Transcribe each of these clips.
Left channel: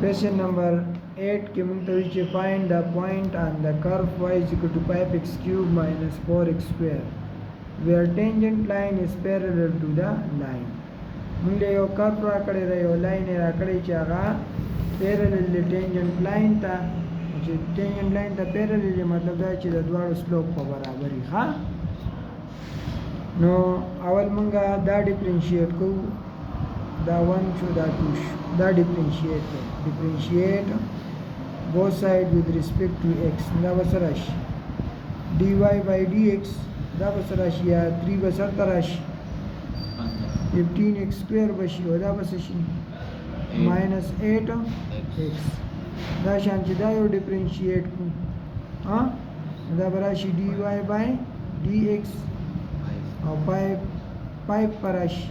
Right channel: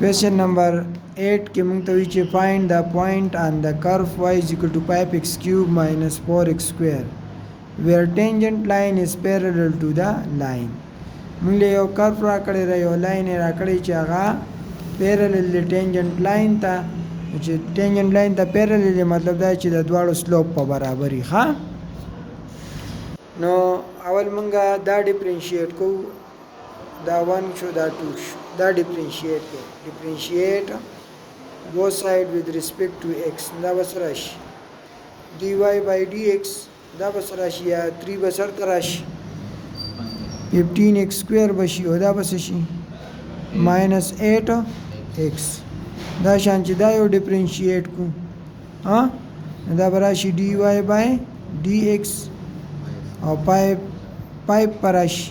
Question number 8 کې موږ ته وی چې find the point on the curve y is equal to 5x cube minus 4x square where tangent line is parallel to the line. موږ له یو curve را کړی دی، یو لاین را کړی چې هغه parallel دی tangent line ته، چې tangent line ته parallel دی مطلب دا چې د دواړو سلوپ په برابر وي. ښه، نو اول موږ دا ډیفرنشیټ کوو، دا 1 شو دا 2 شو، دا ډیفرنشیټ کوو. differentiate both sides with respect to x. دا بسر راشي dy by dx، دا بسر راشي یا 3 بسر تراشي 15x square بشي، او دا بس شي minus 8x. دا شان چې دا یو ډیفرنشیټ کو، ها دا براشي dy by dx او 5 پراشي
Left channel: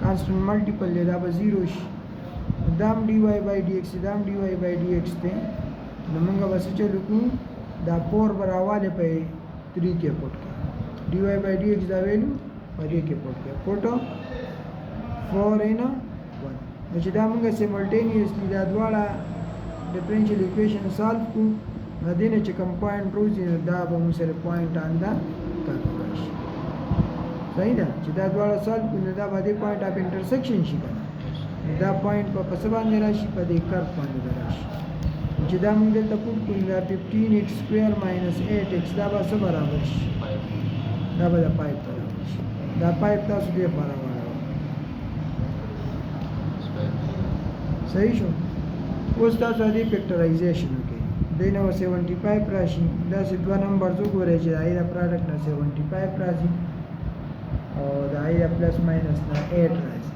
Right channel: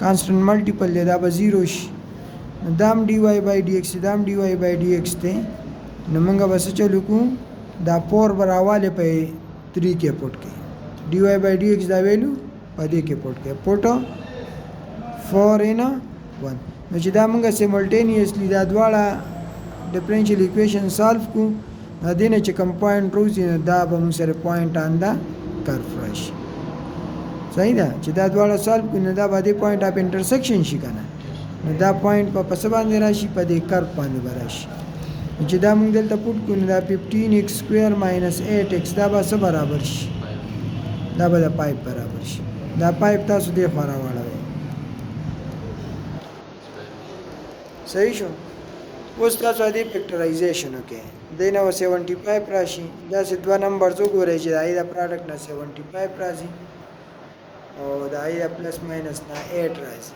کانسټنټ ملټیپل دی، دا به 0 شي. دام dy by dx دام dy by dx ته نو موږ بس چلو کو دا 4 براواله په 3 کې پټ کې dy by dx دا ویلو په دې کې پټ کې پټ 4 in 1. نو چې دا موږ سیملټینیسلی دا دواړه ډیفرنشیل ایکویشن سالو کو، دا دینه چې کوم پوینټ روزي دا به موږ سره پوینټ آن دا کرف راشي. صحیح ده چې دا دواړه سالو کو، نو دا به د پوینټ اف انټرسیکشن شي کنه، دا پوینټ په پس باندې راشي په دې کرف باندې راشي. چې دا موږ دلته پټ کړو دا 15x square minus 8x دا به څه برابر شي؟ دا به د 5 برابر شي. دا 5 تاسو دې خوا راوړئ. صحیح شو؟ اوس تاسو دې فیکټرایزیشن وکړئ. دې نه 75 راشي، دا سه دوه نمبر زو ګورئ چې دا د پروډکټ نه 75 راځي او دا د پلس ماینس نه 8 راځي.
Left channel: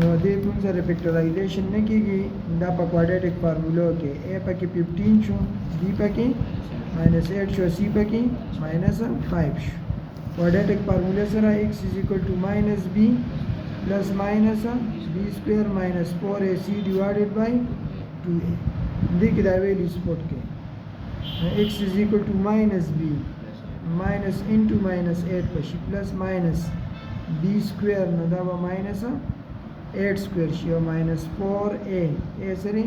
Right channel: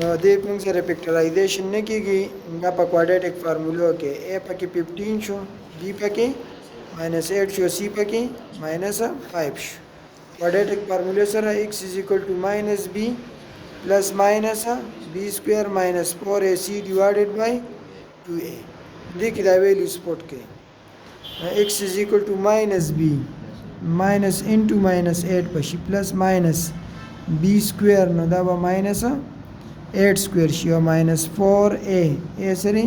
نو دې موږ سره فیکټرایزیشن نه کیږي، دا په کوادریټک فارمولو کې a پکې 15 شو، b پکې -8 شو، c پکې -5 شو. کوادریټک فارمولو سره x = -b plus minus b square minus 4ac divided by 2a. دې کې دا ویلیو سپورټ کې x = -b minus into -8 پشي plus minus b square، نو دا به -8 square شي او -4a a سره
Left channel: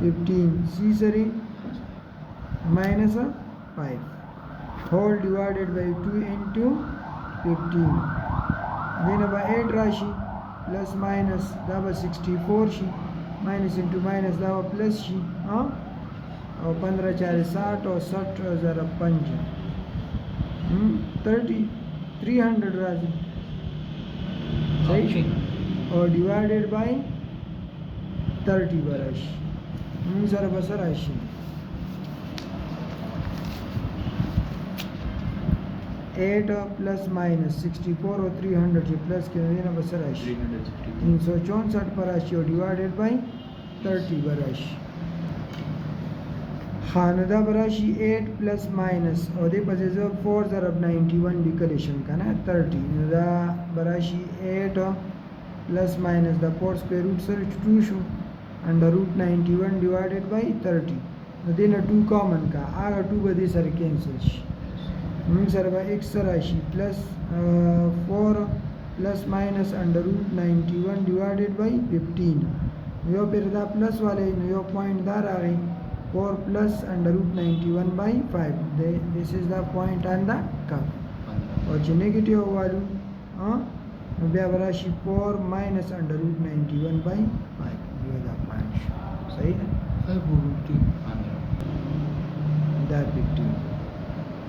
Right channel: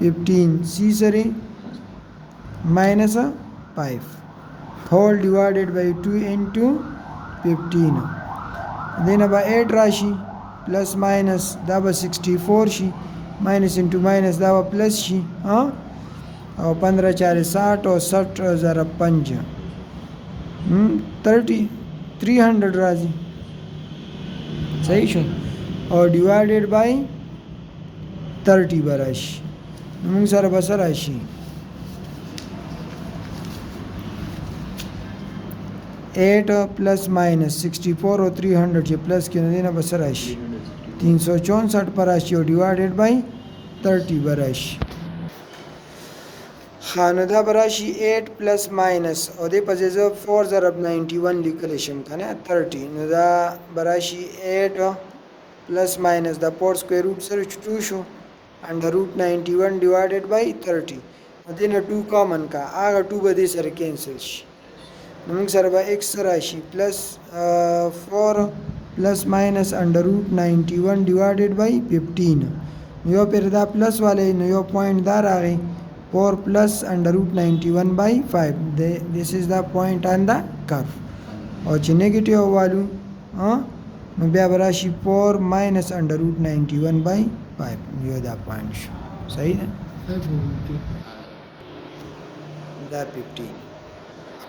15 c سره -5 whole divided by 2 into 15. دینه به 8 راشي plus minus دا به 64 شي، minus into minus دا به plus شي، او 15 4 60 او 60 ضرب 5 300 راځي. صحیح شو؟ او divided by 30 براشي. موږ سره بس راشي 8 plus minus 64 او 300 چې پلس کې نه بس راشي 364 پر راشي او divided by 30 براشي. خانه دا براشي 8 plus minus او دې په ځای 4 ضرب 91 لیکل شم کنه 30. نو دا براشي 8 plus minus the 4 square root سره 2 شو under root 91 divided by 30. نو دینه 2 کامن کا، هغه 2 به دې سره کینسل شي. نو موږ سره به x راشي plus 4 plus minus under root 91 divided by 15. نو یو پر دا پلس والے، نو یو پوینټ دا راغی 4 plus under root 91 by 5. This is the point on the curve. او چې نیگیټیو والو نو بیا براشي 4 minus under root 91 by 5. یو دا پوینټ شو. صحیح ده؟ دا 15